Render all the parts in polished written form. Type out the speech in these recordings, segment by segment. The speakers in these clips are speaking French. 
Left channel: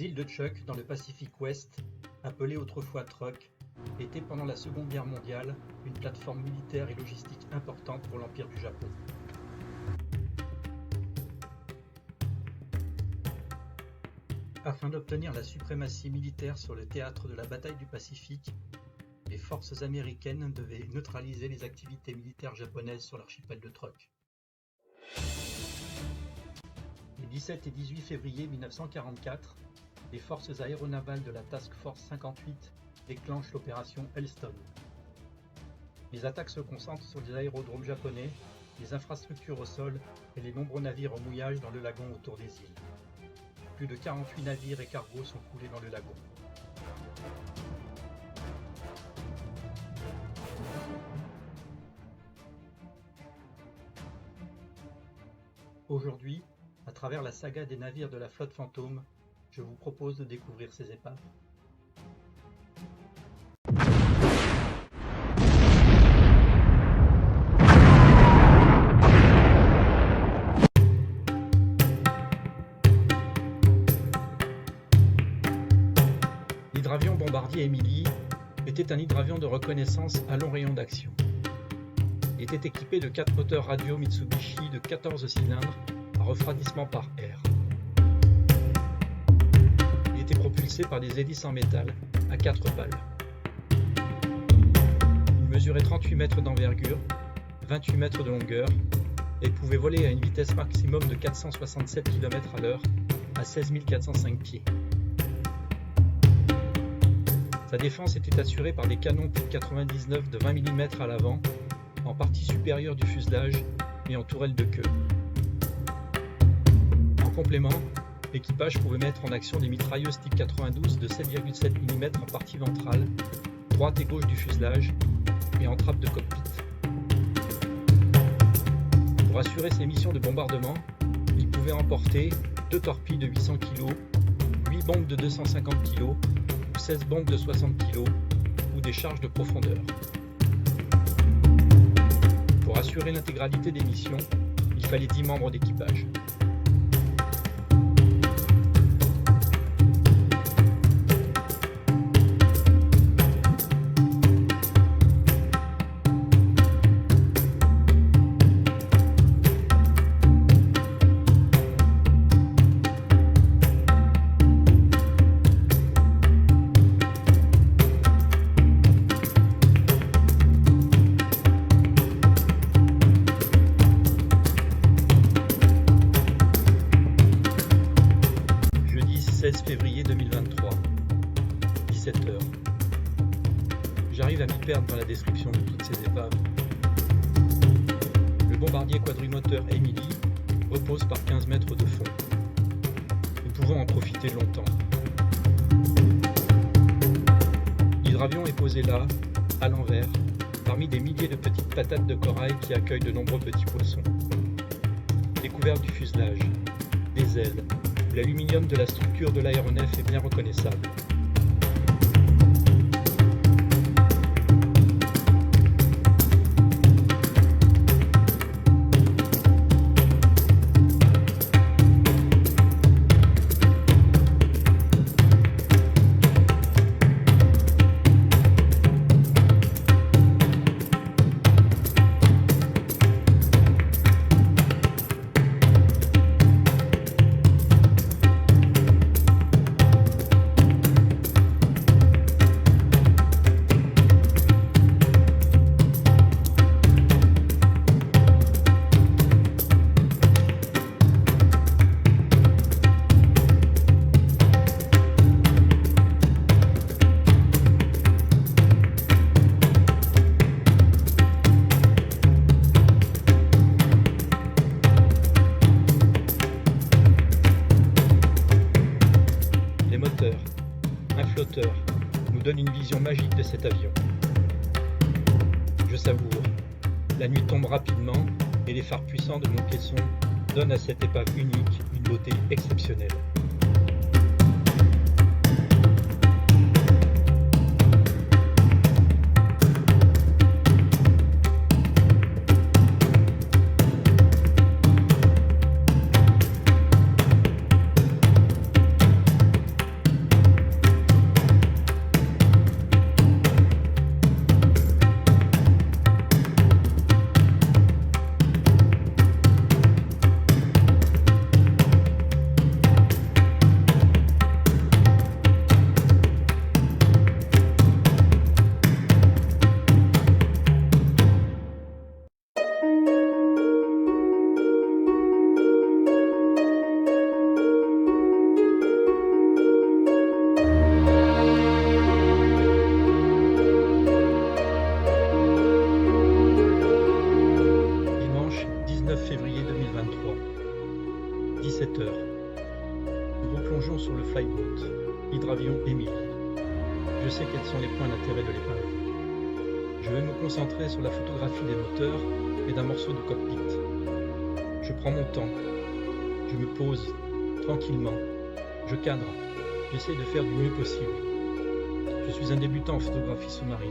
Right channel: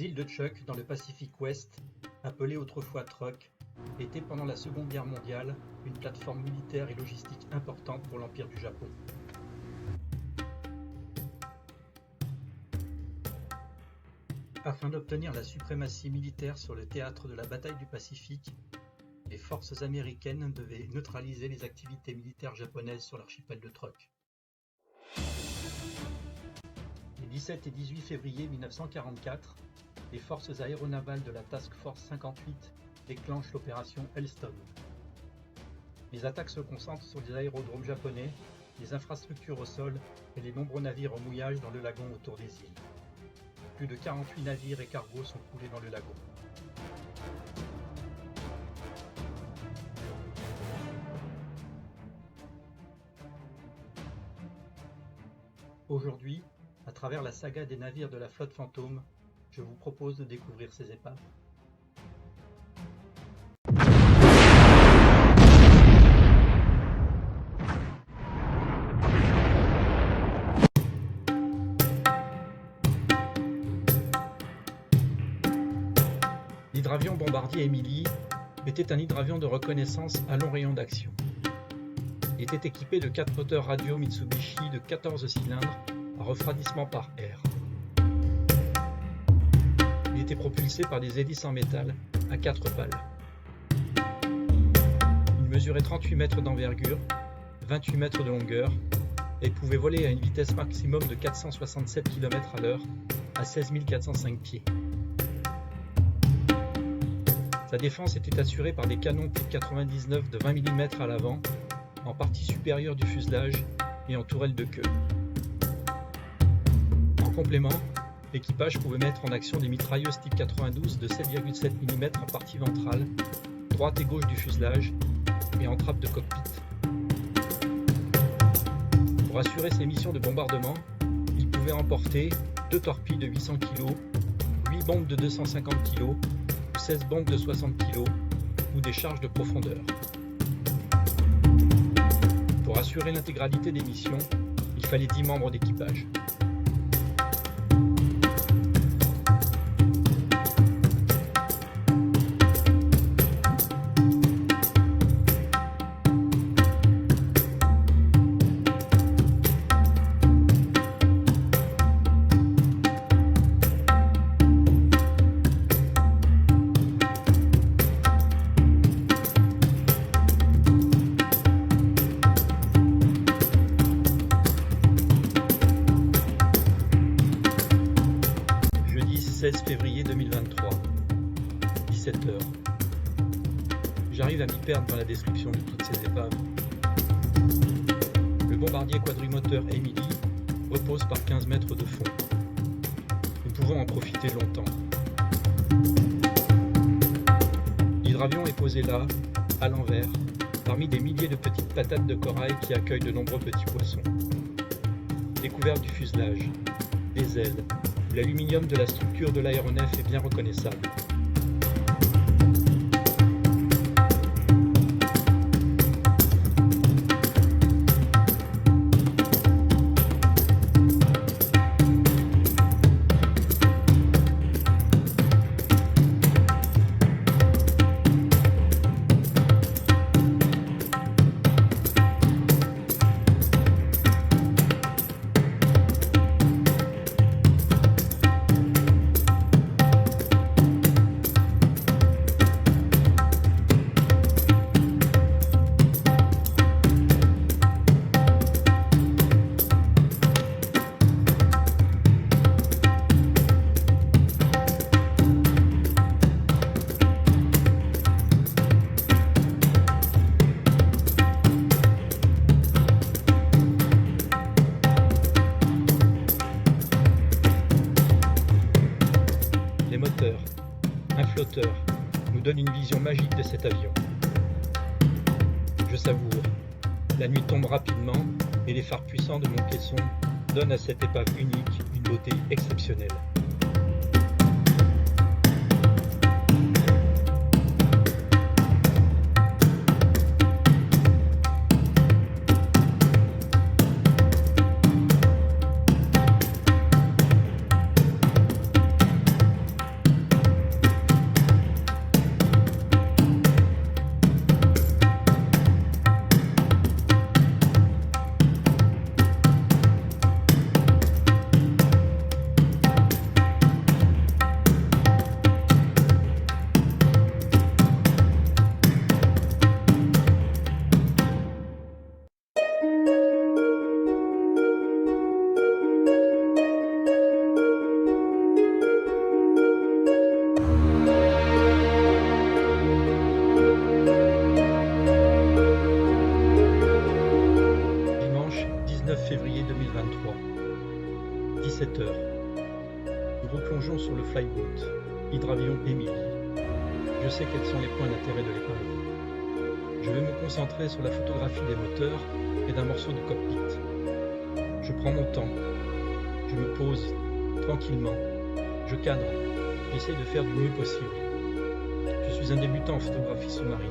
Les îles de Chuuk, dans le Pacifique Ouest, appelées autrefois Truk, étaient pendant la Seconde Guerre mondiale une plateforme militaire et logistique importante pour l'Empire du Japon. Afin d'obtenir la suprématie militaire sur le théâtre de la bataille du Pacifique, les forces américaines devaient neutraliser les activités militaires japonaises sur l'archipel de Truk. Les 17 et 18 février 1944, les forces aéronavales de la Task Force 58 déclenchent l'opération Hailstone. Les attaques se concentrent sur les aérodromes japonais, les infrastructures au sol et les nombreux navires en mouillage dans le lagon autour des îles. Plus de 48 navires et cargos sont coulés dans le lagon. Aujourd'hui, à travers la saga des navires de la flotte fantôme, je vous propose de découvrir ces épaves. L'hydravion bombardier Emily était un hydravion de reconnaissance à long rayon d'action. Il était équipé de 4 moteurs radio Mitsubishi de 14 cylindres à refroidissement par air. Il était propulsé par des hélices en métal à 4 pales. Il mesurait 38 mètres d'envergure, 28 mètres de longueur et pouvait voler à une vitesse maximum de 467 km/h à 16 405 pieds. Sa défense était assurée par des canons Type 99 de 20 mm à l'avant, en partie supérieure du fuselage et en tourelle de queue. En complément, l'équipage pouvait mettre en action des mitrailleuses Type 92 de 7,7 mm en partie ventrale, droite et gauche du fuselage et en trappe de cockpit. Pour assurer ses missions de bombardement, il pouvait emporter 2 torpilles de 800 kg, 8 bombes de 250 kg, 16 bombes de 60 kg ou des charges de profondeur. Pour assurer l'intégralité des missions, il fallait 10 membres d'équipage. Jeudi 16 février 2023, 17h. J'arrive à m'y perdre dans la description de toutes ces épaves. Le bombardier quadrimoteur Emily repose par 15 mètres de fond. Nous pouvons en profiter longtemps. L'hydravion est posé là, à l'envers, parmi des milliers de petites patates de corail qui accueillent de nombreux petits poissons. Découverte du fuselage, des ailes, où l'aluminium de la structure de l'aéronef est bien reconnaissable. Un flotteur nous donne une vision magique de cet avion. Je savoure. La nuit tombe rapidement et les phares puissants de mon caisson donnent à cette épave unique une beauté exceptionnelle. froid. 17 heures. Nous replongeons sur le flyboat, hydravion Emily. Je sais quels sont les points d'intérêt de l'épave. Je vais me concentrer sur la photographie des moteurs et d'un morceau de cockpit. Je prends mon temps. Je me pose tranquillement. Je cadre. J'essaie de faire du mieux possible. Je suis un débutant en photographie sous-marine.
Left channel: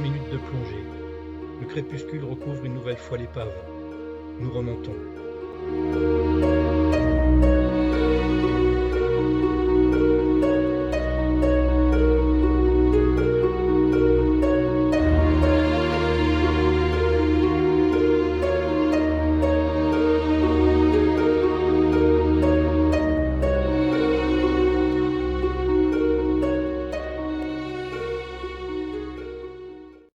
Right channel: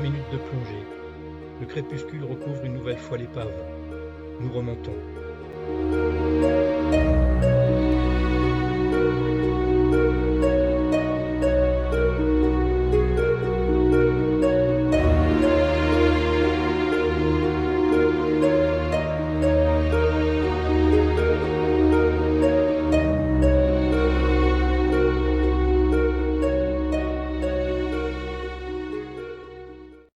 Minutes de plongée. Le crépuscule recouvre une nouvelle fois l'épave. Nous remontons.